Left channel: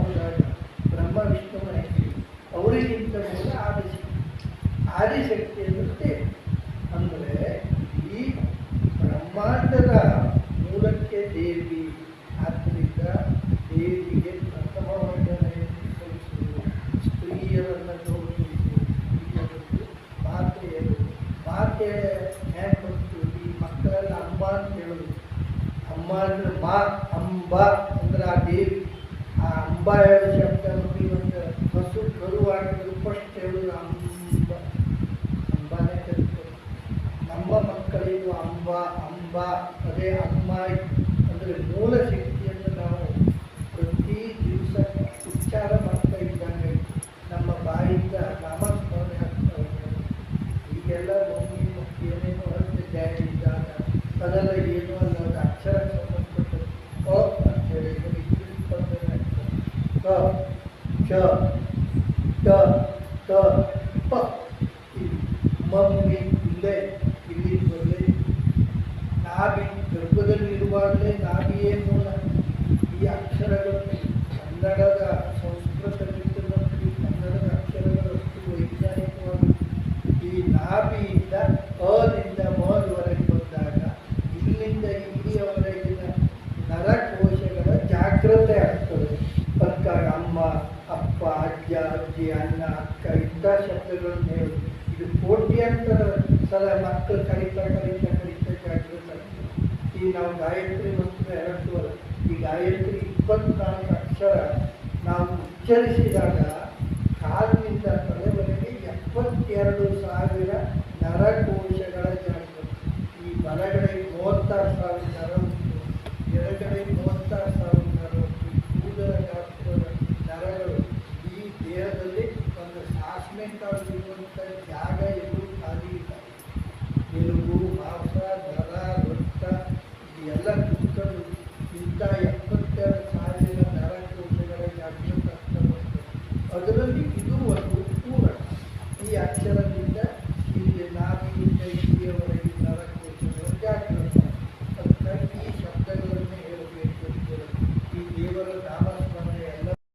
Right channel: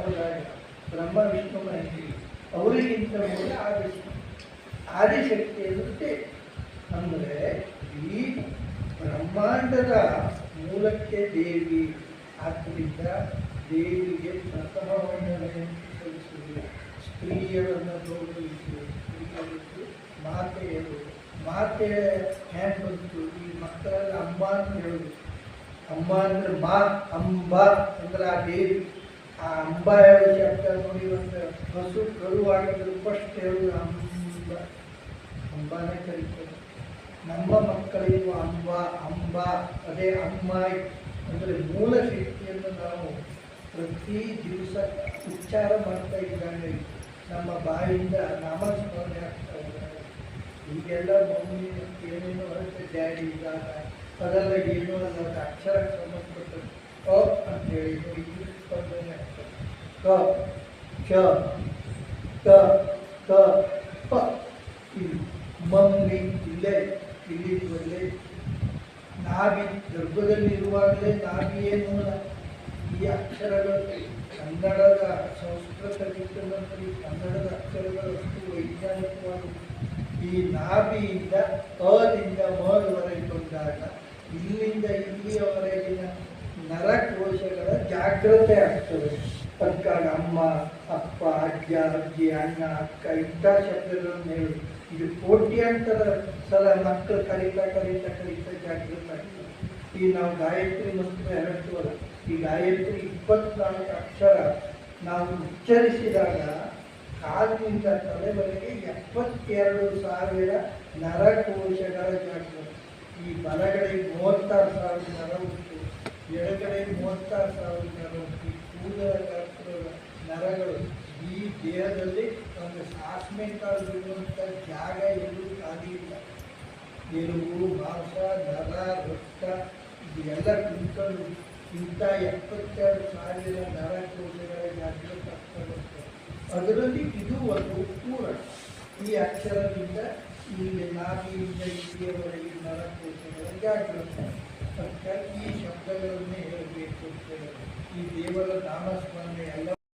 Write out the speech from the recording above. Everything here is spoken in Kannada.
ಹೋದಾಗ ಬ್ರಹ್ಮ ವಿಷ್ಣು ಮಹೇಶ್ವರಿ ಅವರಿಗಿಂತ ಮೂಲ ಆದಿಶಕ್ತಿ ಅಂದರೆ ಅಂದರೆ ಈ ಬ್ರಹ್ಮಾಂಡದ ಮೂಲಕ್ಕೆ ದೇವಿ. ಆದ್ದರಿಂದ ದೇವಿಗೆ ಪ್ರಥಮ ವಂದನೆಯನ್ನು ಸಲ್ಲಿಸುವುದು, ಸ್ತ್ರೀಯರನ್ನು ಗೌರವಿಸುವುದು, ಸ್ತ್ರೀಯರದ್ದು ಮಾತೆಯರು. ಮಾತೆ ಹ್ಯಾಂಗೆ ಬಂತು? ಈ ಮಕ್ಕಳೆಲ್ಲ ಅಮ್ಮ ಅಂತ ಹೇಳೋದು. ಅಮ್ಮ ಅಂದ್ರೆ ಅಂಬ ಅಂದ್ರೆ ಆ ದೇವಿ. ಆ ಅಂಬ ಹೇಳೋ ಶಬ್ದ ನೋಡಿ, ಒಂದು ಹಸು ಕರುವಾಡಿದ್ರು ಫಸ್ಟ್ ಹೇಳೋದು ಅಂಬಾನೇ ಕರೀತಾರೆ. ನಮ್ಮ ಮಕ್ಕಳಿಗೂ ಅಂಬ ಅದೇ ಅಮ್ಮ ಅಂದರೆ ಮೂಲ ಶಕ್ತಿಯನ್ನು ನಾವು ಪ್ರತಿ ದಿವಸ ಉಚ್ಚಾರ ಮಾಡ್ತಾ ಇದ್ದಂಗೆ ನಮ್ಮ ಬಾಯಿಂದ ನಾಮಸ್ಮರಣೆ ಆಗ್ತಾ ಹೋದಾಗ ಈಗೆಲ್ಲ ಮಮ್ಮಿ ಮತ್ತು ಏನೇನೋ ಅಷ್ಟೇ ಡ್ಯಾಡಿ ಇದ್ದಾಗ ಅದೆಲ್ಲ ಏನೋ ಅಲ್ಲ, ಅಕ್ಷರಕ್ಕೆ ಸಂಬಂಧಪಟ್ಟದ್ದು. ಅಂತ ಹೇಳಿ ಇಂಗ್ಲೀಷ್ ಸ್ಪರ್ಧೆ ಆಗ್ತದೆ. ಕ ಟ ಪ ಇಲ್ಲಿ ಮಮ್ಮಿ ಇಲ್ಲೇ ಇಲ್ಲಿ ಬರಲೇ. ನಾಭಿ ಗರ್ಭದಲ್ಲಿರುವಾಗಲೇ ನಾಭಿಯೇ ಮೂಲ. ಈ ಅಕ್ಷರಗಳು ಕನ್ನಡದ ಸಂಸ್ಕೃತಕ್ಕಿಂತಲೂ ಕನ್ನಡದ ಅಕ್ಷರಗಳಷ್ಟು ವೈಜ್ಞಾನಿಕವಾಗಿ ಈ ನಾಭಿಯಿಂದ ಅದಿಂದ ಮವರೆಗೆ ಬಂದಾಗ ಇಲ್ಲಿಂದ ಇಲ್ಲಿಯವರೆಗಿನ ನರಕೋಶಗಳ ಜಾಗ್ರತೆ ಆಗ್ತದೆ. ಅದಕ್ಕಾಗಿ ಅಮ್ಮ, ಅಪ್ಪ, ಅಜ್ಜ, ಅಜ್ಜಿ, ಅಣ್ಣ, ಅಕ್ಕ ಇಂಥ ಶಬ್ದಗಳನ್ನು ಹೇಳೋದು. ಇದು ಕೋಟ್ಯಾಂತರ ಸಲ ಮಕ್ಕಳು ಕಲಿತಾ ಜಾಗೃತ ಆಗ್ತದೆ. ಈ ನಾವು ಗಾಯತ್ರಿ ಮಂತ್ರ ಹೇಳ್ತೀವಲ್ಲ, ಈ ಗಾಯತ್ರಿ 24 ಅಕ್ಷರ ನಾವು ಉಚ್ಚರಿಸಿದಾಗ ಕಾಲಿನಿಂದ ತಲೆವರೆಗೆ 72,000 ನರಕೋಶಗಳ ಜಾಗೃತಿ. ಈ ಬಲಗಡೆಗೆ 36,000 ನರ ಉಂಟು, ಎಡಗಡೆಗೆ 36,000 ನರ ಉಂಟು. ಕೂದಲ ಗಾತ್ರದ ನರಗಳು ಈ ದೇಹದಲ್ಲಿ ಒಂದು ಸಾಸ್ಮೆ ಕಾಲಿರುವಂಥ ಜಾಗ ಎಲ್ಲೂ ಖಾಲಿ ಇಲ್ಲ. ಎಲುಬು, ಮಾಂಸ, ನರ, ರಕ್ತ ಇದೆಲ್ಲ ಕುಂತಲು ಇಂಥ